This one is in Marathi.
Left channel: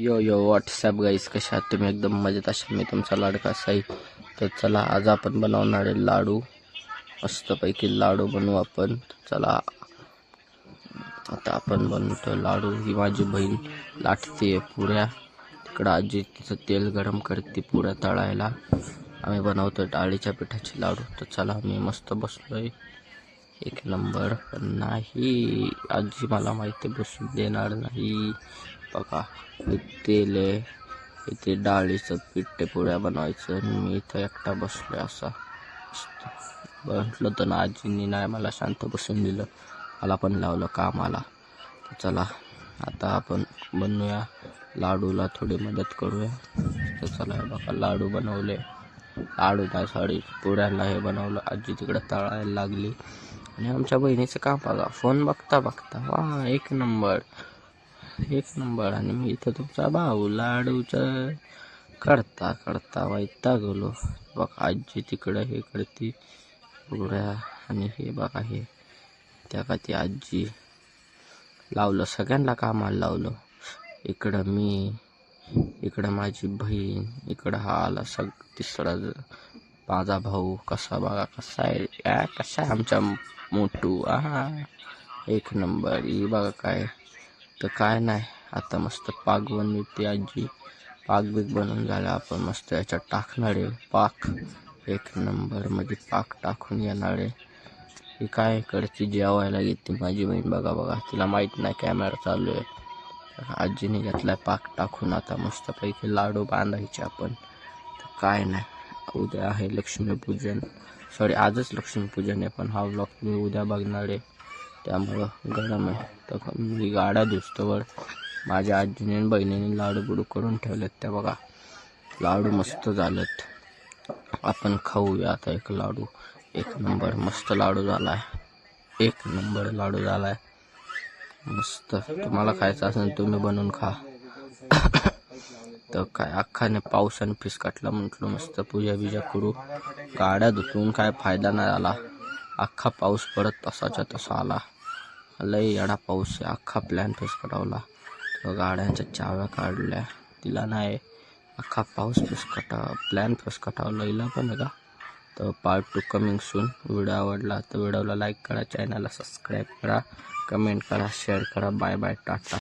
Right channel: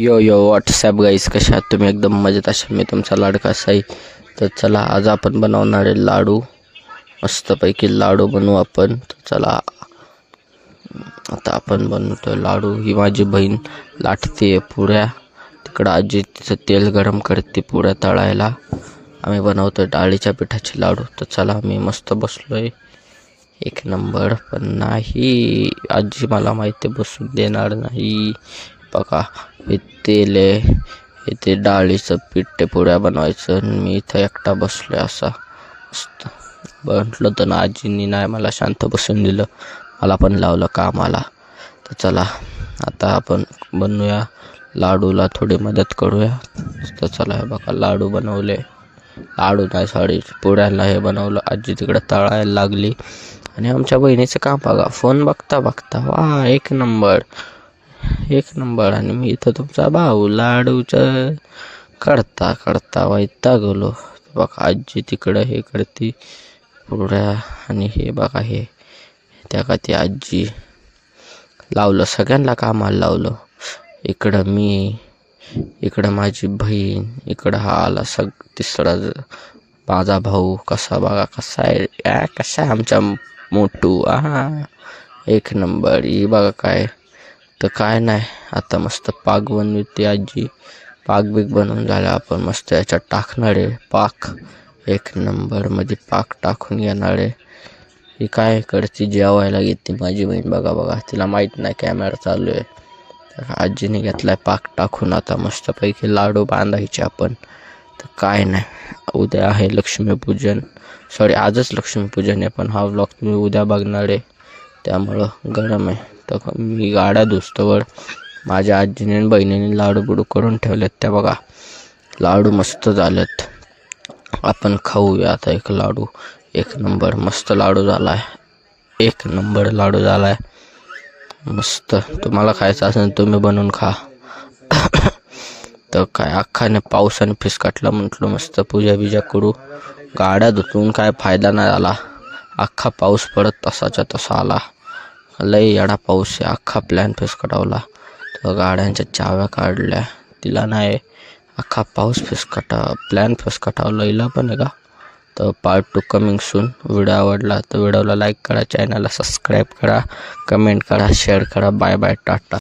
यो यो व्हॉट्सॲप गाईस, कशा आहात तुम्ही? एकदम मजेत अशा मी तुमचा लाडका साई. तर चला, आज आपण बनवणार आहे लाडू. मस्तपैकी लाडू बनवू आपण. तर चला, आता आपण बनवतोय लाडू. ही माझी बहीण लाटते पुऱ्या. तिकडं आजी तिचं तेल गरम करते पुऱ्या तळायला. आम्ही बनवतोय डाळीच्या पिठाचे लाडू. तर चला, मी मस्त बसलोय एक नंबर. पण नाही, आजी मला माहिती बसून देणार नाही. बघा, हे तेल आहे, हे ते डाळीचं पीठ ते पुऱ्या बनवायचं. आणि मी इथं एकटा बसलोय असा मस्त. म्हटलं तर ना, आजींनी नाही मला शांत बसून दिलं, मला पण लावलं कामाला. तर चला, आता आपण बनवूया लाडूला, थोडी मदत करूया. तर चला, हे बघा लाडू बनवले. लाडू नाही, सॉरी, पुऱ्याला हे बनवलं. आजी तिकडं तळायला लागली. आणि आमच्या बहिणीचं काम बघा, फोन बघता बघता, वा एक नंबर एक नंबर. आणि मी इथं तुमचा भाऊ लाडूचं करता करता वैतागलो. बघा, आजी तिकडं हे करते पुऱ्या. आणि हे बघा, हे त्या का ती आजी लावलं, सगळ्यांना कामाला लावलं. इकडं मी, इकडं माझी बहीण, इकडं हा आला तिसरा माझा भाऊ. कसा बघा, कसा आहे, कसा आहे आमचा मोठू. एक नंबर. ही बघा काय, तर काय नाही, आता मस्त पाक बनवते आजी. पाक बीक बनवून झाला, आपण मस्त याच्यात टाकणार आहे पाक. एक नंबर मध्ये पाक टाकून घेणार आहे. ही काय करते, जेवायला घेते माझी बहीण. बघा बघा, तिला माहीत नाही कॅमेरा चालू आहे. आजीने घेतलाय पाक टाकून. आता मस्तपैकी लाडू बांधायचे आपण. तर काय नाही, उद्या आहे लक्ष्मीपूजन. सॉरी, आजच लक्ष्मीपूजन आहे, पण हा व्लॉग तुम्ही उद्या बघणार आहे, त्यामुळं गरम आहे. तर मी गाड्या धुस्तवर माझ्या आजीने आणि बहिणीने लाडू बुडू करून ठेवलेत. त्या बघा, लाडू मस्त झालेत. आपण खाऊया आता एक लाडू. एक नंबर मस्त लाडू झाला आहे. एक नंबर लाडू झाला आहे मस्त. तुम्हाला खायचं असेल तुम्ही बनवून खा. तर काय, अख्खाने पावसाने फिसकाटला. म्हटलं मस्त पूजा बिजा करू. गाड्या धुतून काय फायदा नाही झाला. अख्खा पाऊस पडत तसाच्या तसा आला. लई येडा पाऊस आहे, अख्खा प्लॅन फिसकटावला. तर गाड्यांच्या चाव्या काढल्या, तिला नाही, अख्खा पाऊस प्लॅन फिसकटावला. हिला पण आहे का? तर पार्ट 2 कमिंग सून. व्हिडिओ आवडला तर व्हिडिओला लाईक करा, चॅनलला सबस्क्राईब करा, कमेंट करा, शेअर करा. Bye bye, Tata.